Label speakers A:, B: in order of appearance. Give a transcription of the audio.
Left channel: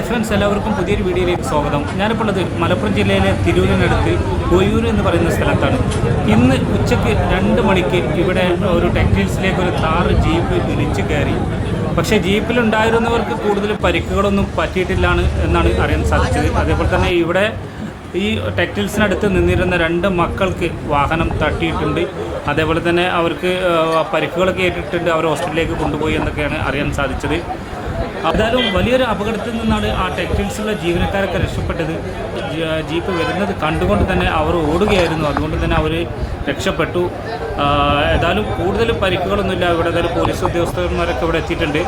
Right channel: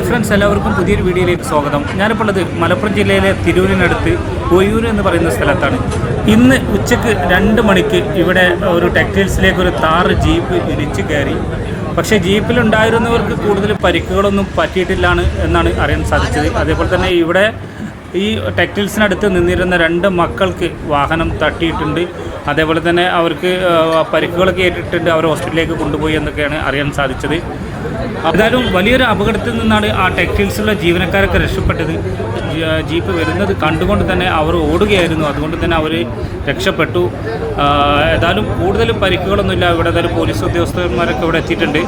A: Hi friends എല്ലാവർക്കും പുതിയൊരു വീഡിയോയിലേക്ക് സ്വാഗതം. ഞാനിപ്പോൾ ഉള്ളത് മലപ്പുറം ജില്ലയിലെ തിരൂരിനടുത്ത് ഒയൂർ എന്ന് പറയുന്ന സ്ഥലത്താണ്. ഇന്ന് ഉച്ചയ്ക്ക് രണ്ട് മണിക്ക് ഇവിടെ ഒരു ടെക്സ്റ്റൈൽസിലേക്ക് ഒരു താറ് ജീപ്പ് ഇടിച്ച് കയറി. പക്ഷേ ജീപ്പിലുണ്ടായിരുന്നവർക്ക് കൂടുതൽ പരിക്കുകളൊന്നും പറ്റിയിട്ടില്ലാണ് എന്നാണ് അറിയാൻ സാധിച്ചത്. അതേപോലെ തന്നെ ഇവിടെ ഈ ടെക്സ്റ്റൈൽസിനടുത്ത് നിന്നിരുന്ന രണ്ട് മക്കൾക്ക് വാഹനം തട്ടിയിട്ടുണ്ട്. അതേപോലെ തന്നെ അവർക്ക് പരിക്കുകളൊക്കെ ഏറ്റിട്ടുണ്ട്. അവർ ഹോസ്പിറ്റലിലേക്ക് കൊണ്ടുപോയി എന്നൊക്കെയാണ് അറിയാൻ സാധിച്ചത്. ഏതായാലും വലിയൊരു അപകടത്തിൽ നിന്നാണ് ആ ടെക്സ്റ്റൈൽസിലുള്ള ജീവനക്കാരൊക്കെ രക്ഷപ്പെട്ടത്. ജീപ്പ് വരുന്നത് കണ്ടുകൊണ്ട് തന്നെ അവർ ഓടുകയായിരുന്നു. അതുകൊണ്ട് തന്നെ അവർ രക്ഷപ്പെട്ടു. ഏതായാലും കൂടുതൽ പരിക്കുകളൊന്നുമില്ല. ഇവിടെ ഏതായാലും പോലീസ് ഉദ്യോഗസ്ഥന്മാരൊക്കെ ഇവിടെ എത്തിയിട്ടുണ്ട്.